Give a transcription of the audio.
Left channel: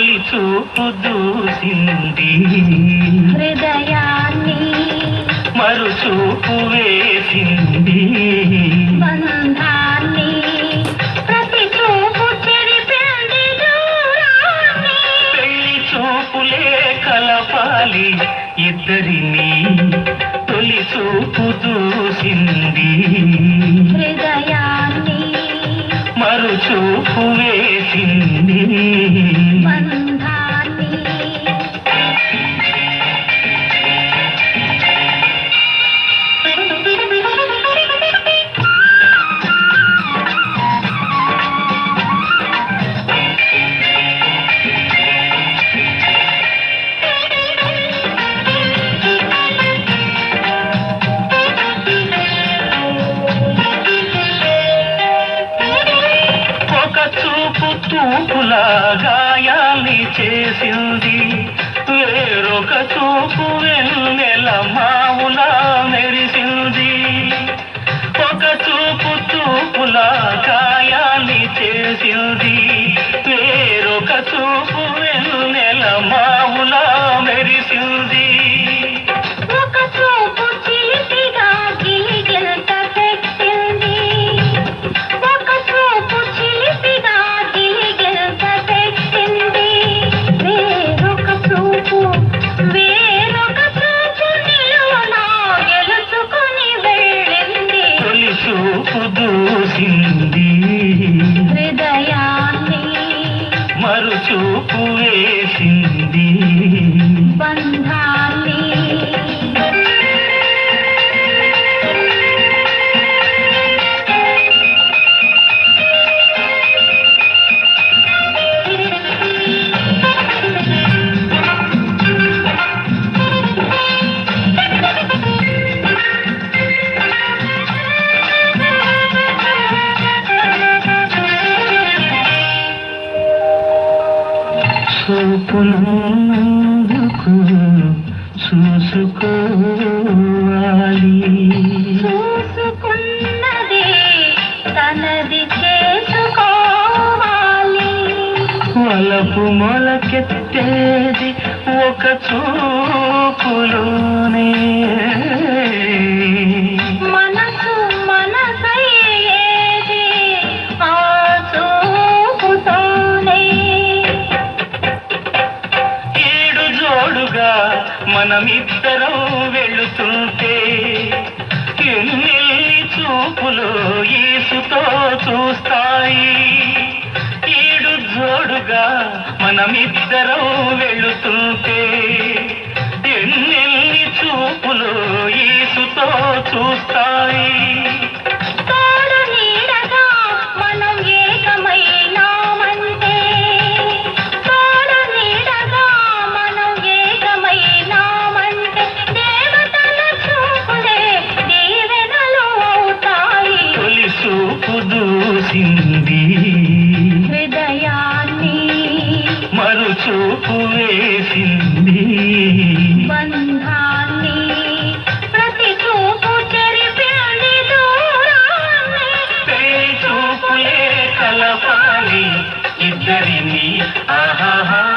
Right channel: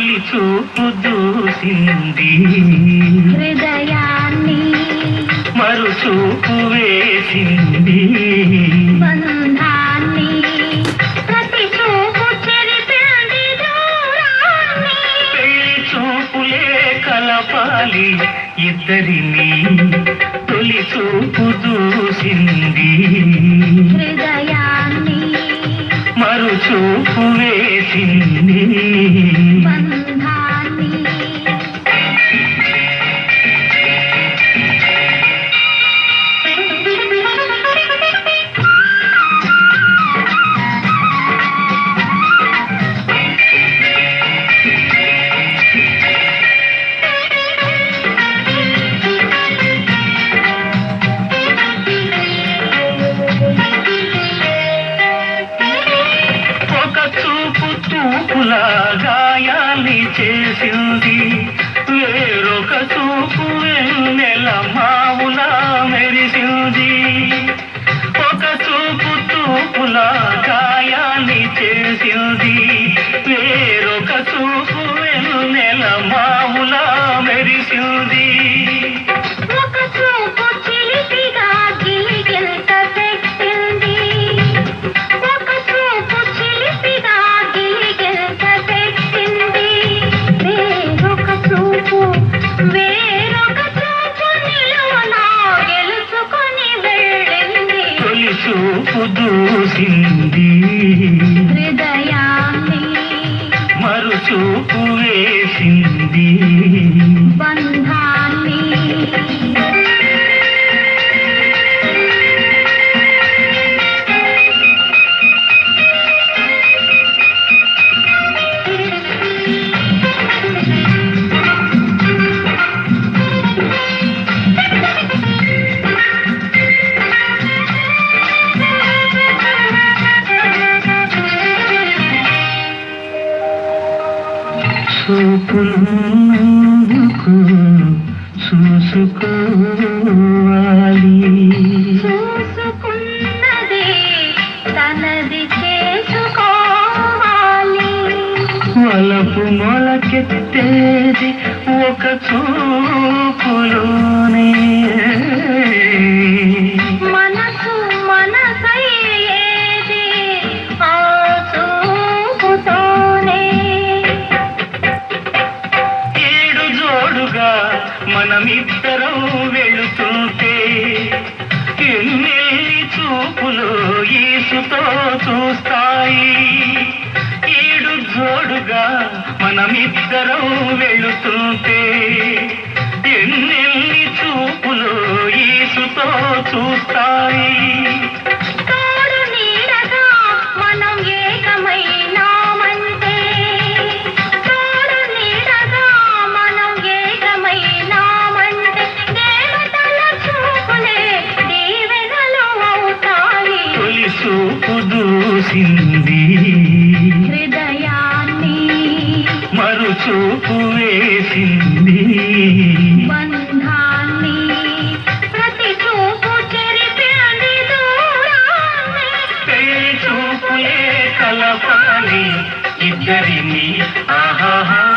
తొలి చూపు దూసింది హృదయాన్ని మరు చూపు వేసింది కలపాలి ఇద్దరిని. తొలి చూపు దూసింది హృదయాన్ని ಬಂದ చూపులా గాయాలి చేసింది. వేరొక చూపు వెన్నెల మావులా మెరిసింది. ఒక చూపు చూపులా గాయాలి చేసింది. వేరొక చూపు వెన్నెల మావులా మెరిసింది. చూపులందుకు చూసుకోవాలి చూసుకున్నది తనది చేసుకోవాలి. వలపు మొలకెత్తేది ఒక చూపులోనే మనమిద్దరం వెళుతుంటే ఎన్నెల్లి చూపులు ఈసుతో చూస్తాయి. ఏడు జోడుగా మనమిద్దరం వెళుతుంటే ఎన్నెల్లి చూపులు ఈసుతో చూస్తాయి. హృదయాన్ని మరు చూపు వేసింది. బంధాన్ని ప్రతి చూపు చెరిపింది దూరాన్ని. పెళ్ళి చూపులే కలపాలి ఇద్దరిని. ఆహాహా.